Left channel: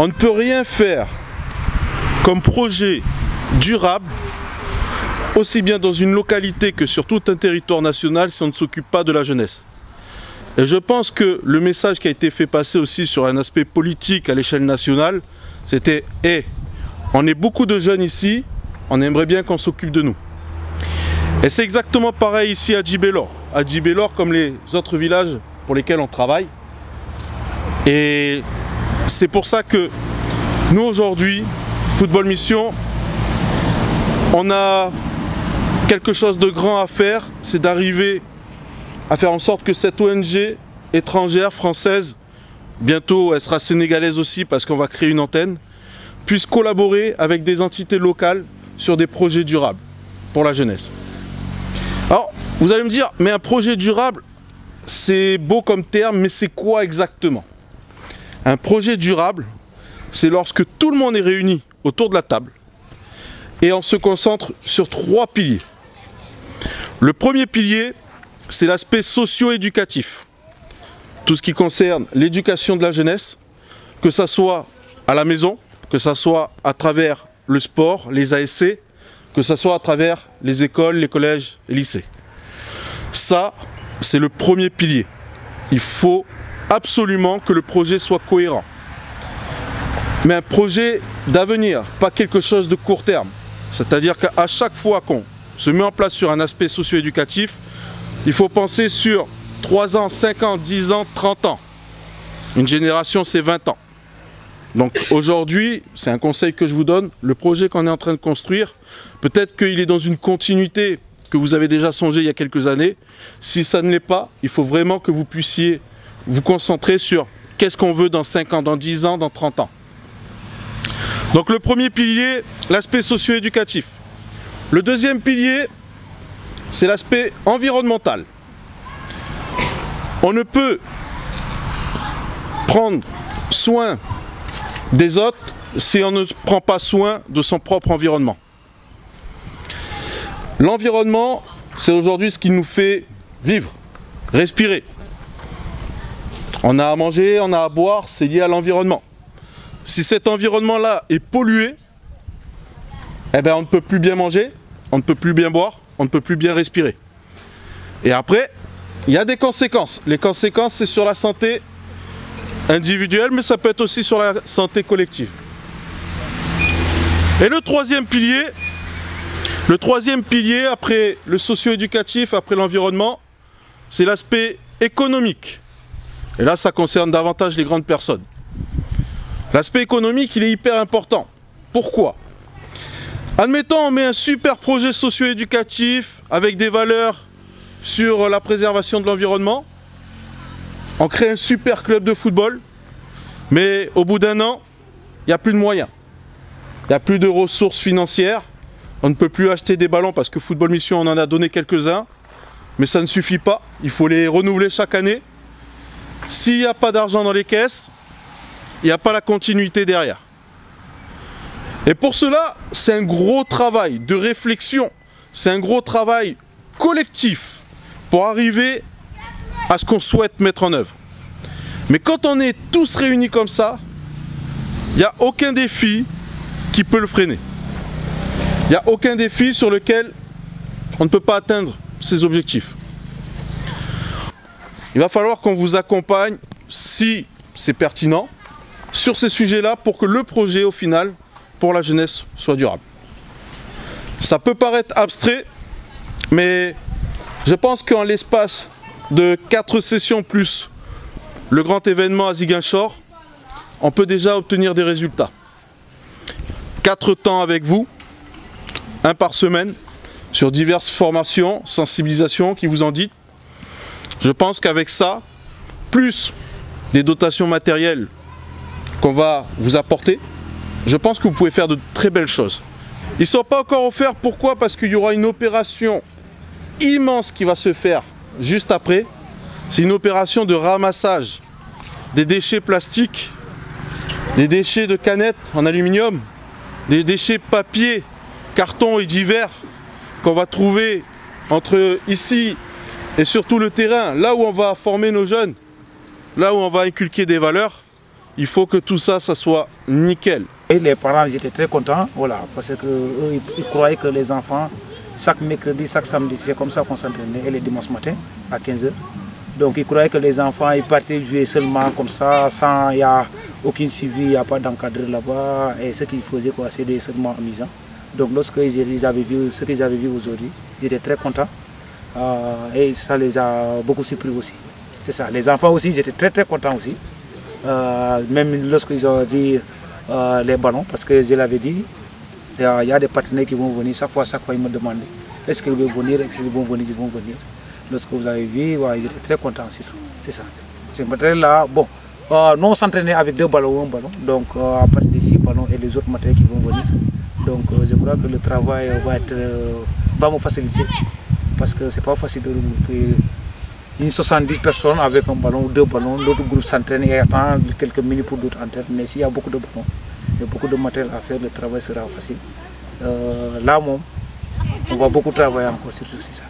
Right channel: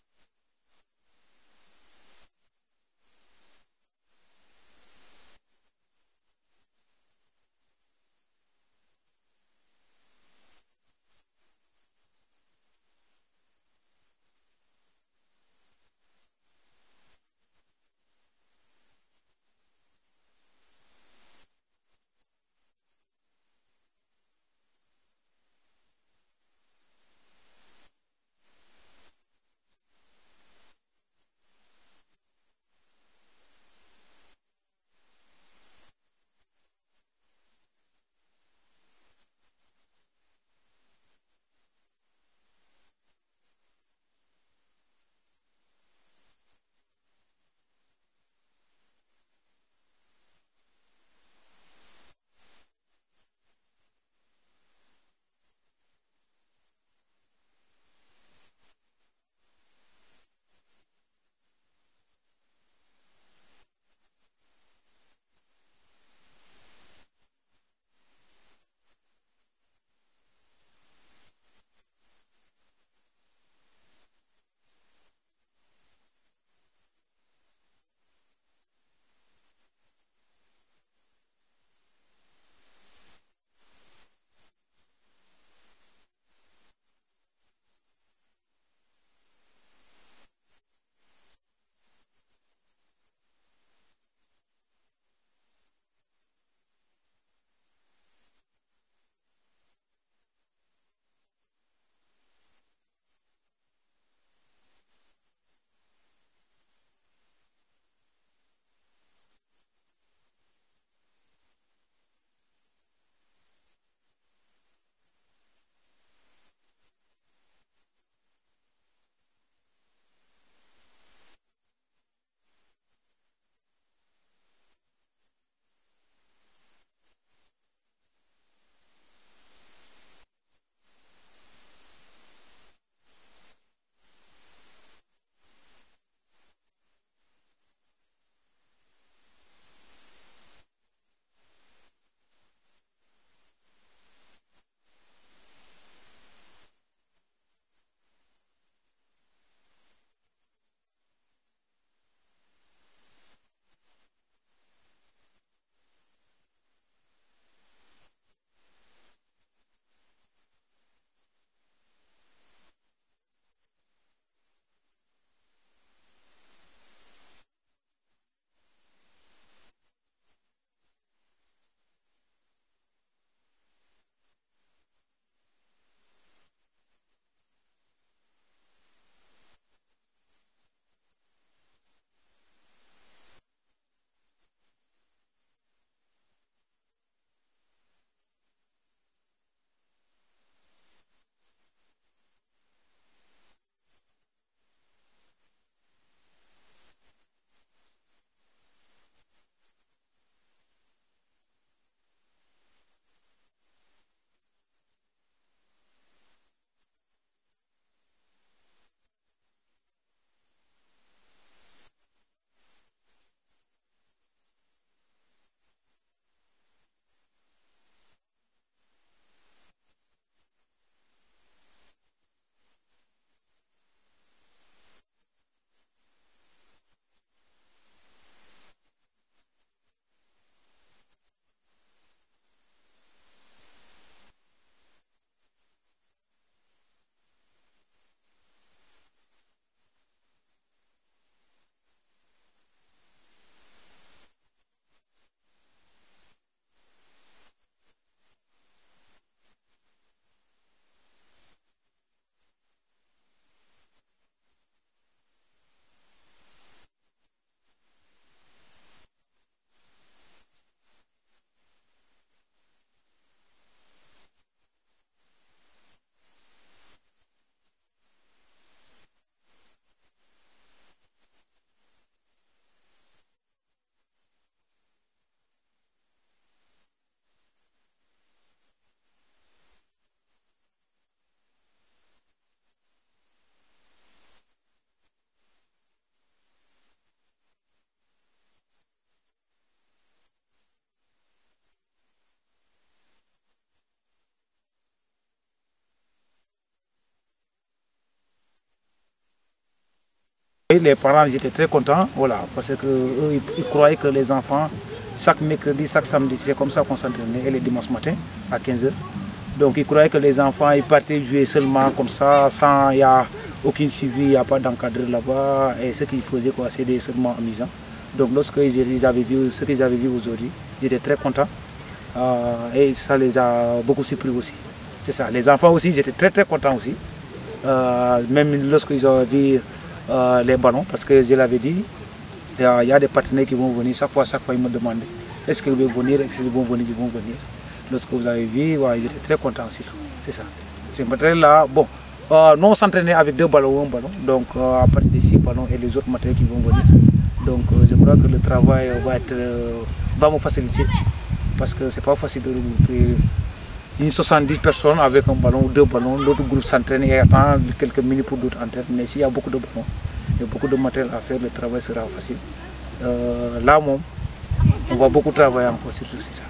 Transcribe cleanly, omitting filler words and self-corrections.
On ne peut rien faire comme projet durable, aussi bien dans une localité que sur tout un territoire national, si on ne s'occupe pas de la jeunesse. Et je pense que le message qui a été fait passer aussi sur un aspect politique à l'échelle nationale, c'était « Hey, on est beaucoup de jeunes ici, on aimerait bien qu'on s'occupe de nous ». Et c'est exactement pareil ici à Djibélor. À Djibélor, comme les autres villages pour lesquels on travaille. Et c'est pour ça que nous aujourd'hui, Football Mission, on a quelque chose de grand à faire, c'est d'arriver à faire en sorte que cette ONG étrangère, française, bientôt elle sera sénégalaise aussi parce qu'on va créer une antenne, puisse collaborer avec des entités locales sur des projets durables pour la jeunesse. Alors, vous allez me dire, mais un projet durable, c'est beau comme terme, mais c'est quoi exactement? Un projet durable, c'est lorsque tout le monde est réuni autour de la table et on se concentre sur 3 piliers. Le premier pilier, c'est l'aspect socio-éducatif. Tout ce qui concerne l'éducation de la jeunesse, que ça soit à la maison, que ça soit à travers le sport, les ASC, que ça soit à travers les écoles, les collèges et lycées. Ça, c'est le premier pilier. Il faut absolument que le projet soit cohérent. Mais un projet d'avenir, pas quelque chose de court terme. C'est-à-dire qu'à chaque fois qu'on se met en place sur un aspect socio-éducatif, il faut penser sur 3 ans, 5 ans, 10 ans, 30 ans. Une génération, c'est 20 ans. Donc aujourd'hui, c'est un conseil que je vous donne, le projet qu'on est en train de construire, peut-être qu'il est dans une continuité que vous avez déjà songé il y a quelques années. Si ça ne l'est pas, il faut vraiment que vous puissiez vous concentrer sur qu'est-ce qu'on veut dans 5 ans, dans 10 ans, dans 30 ans. Donc le premier pilier, l'aspect socio-éducatif. Le deuxième pilier, c'est l'aspect environnemental. On ne peut prendre soin des autres si on ne prend pas soin de son propre environnement. L'environnement, c'est aujourd'hui ce qui nous fait vivre, respirer. On a à manger, on a à boire, c'est lié à l'environnement. Si cet environnement-là est pollué, eh bien on ne peut plus bien manger, on ne peut plus bien boire, on ne peut plus bien respirer. Et après, il y a des conséquences. Les conséquences, c'est sur la santé individuelle, mais ça peut être aussi sur la santé collective. Et le troisième pilier après le socio-éducatif, après l'environnement, c'est l'aspect économique. Et là, ça concerne davantage les grandes personnes. L'aspect économique, il est hyper important. Pourquoi? Admettons, on met un super projet socio-éducatif avec des valeurs sur la préservation de l'environnement. On crée un super club de football, mais au bout d'un an, il n'y a plus de moyens. Il n'y a plus de ressources financières. On ne peut plus acheter des ballons parce que Football Mission, on en a donné quelques-uns. Mais ça ne suffit pas. Il faut les renouveler chaque année. S'il n'y a pas d'argent dans les caisses, il n'y a pas la continuité derrière. Et pour cela, c'est un gros travail de réflexion. C'est un gros travail collectif pour arriver à ce qu'on souhaite mettre en œuvre. Mais quand on est tous réunis comme ça, il n'y a aucun défi qui peut le freiner. Il n'y a aucun défi sur lequel on ne peut pas atteindre ses objectifs. Il va falloir qu'on vous accompagne, si c'est pertinent, sur ces sujets-là pour que le projet, au final, pour la jeunesse, soit durable. Ça peut paraître abstrait, mais je pense qu'en l'espace de 4 sessions plus le grand événement à Ziguinchor, on peut déjà obtenir des résultats. 4 temps avec vous, 1 par semaine, sur diverses formations, sensibilisations qui vous en dites. Je pense qu'avec ça, plus des dotations matérielles qu'on va vous apporter, je pense que vous pouvez faire de très belles choses. Ils ne sont pas encore offerts, pourquoi? Parce qu'il y aura une opération immense qui va se faire juste après. C'est une opération de ramassage des déchets plastiques, des déchets de canettes en aluminium, des déchets papier, carton et divers qu'on va trouver entre ici et surtout le terrain, là où on va former nos jeunes, là où on va inculquer des valeurs. Il faut que tout ça, ça soit nickel. Et les parents ils étaient très contents, voilà, parce qu'ils croyaient que les enfants, chaque mercredi, chaque samedi, c'est comme ça qu'on s'entraînait, et les dimanches matin à 15 h. Donc ils croyaient que les enfants ils partaient jouer seulement comme ça, sans il n'y a aucune suivi, il n'y a pas d'encadré là-bas. Et ce qu'ils faisaient, c'était seulement amusant. Donc lorsqu'ils avaient vu ce qu'ils avaient vu aujourd'hui, ils étaient très contents. Et ça les a beaucoup surpris aussi. C'est ça. Les enfants aussi, ils étaient très très contents aussi. Même lorsqu'ils ont vu les ballons, parce que je l'avais dit, il y a des partenaires qui vont venir, chaque fois ils me demandaient est-ce qu'ils vont venir, est-ce qu'ils vont venir, ils vont venir. Lorsque vous avez vu, ouais, ils étaient très contents aussi. C'est ça. Ce matériel-là, bon, nous on s'entraînait avec 2 ballons ou 1 ballon, donc à partir de 6 ballons et les autres matériels qui vont venir. Donc je crois que le travail va me faciliter, parce que c'est pas facile de regrouper une 70 personnes avec un ballon ou 2 ballons. L'autre groupe s'entraîne et attend quelques minutes pour d'autres entraîner. Mais s'il y a beaucoup de ballons et beaucoup de matériel à faire, le travail sera facile. Là, on va beaucoup travailler encore sur tout ça.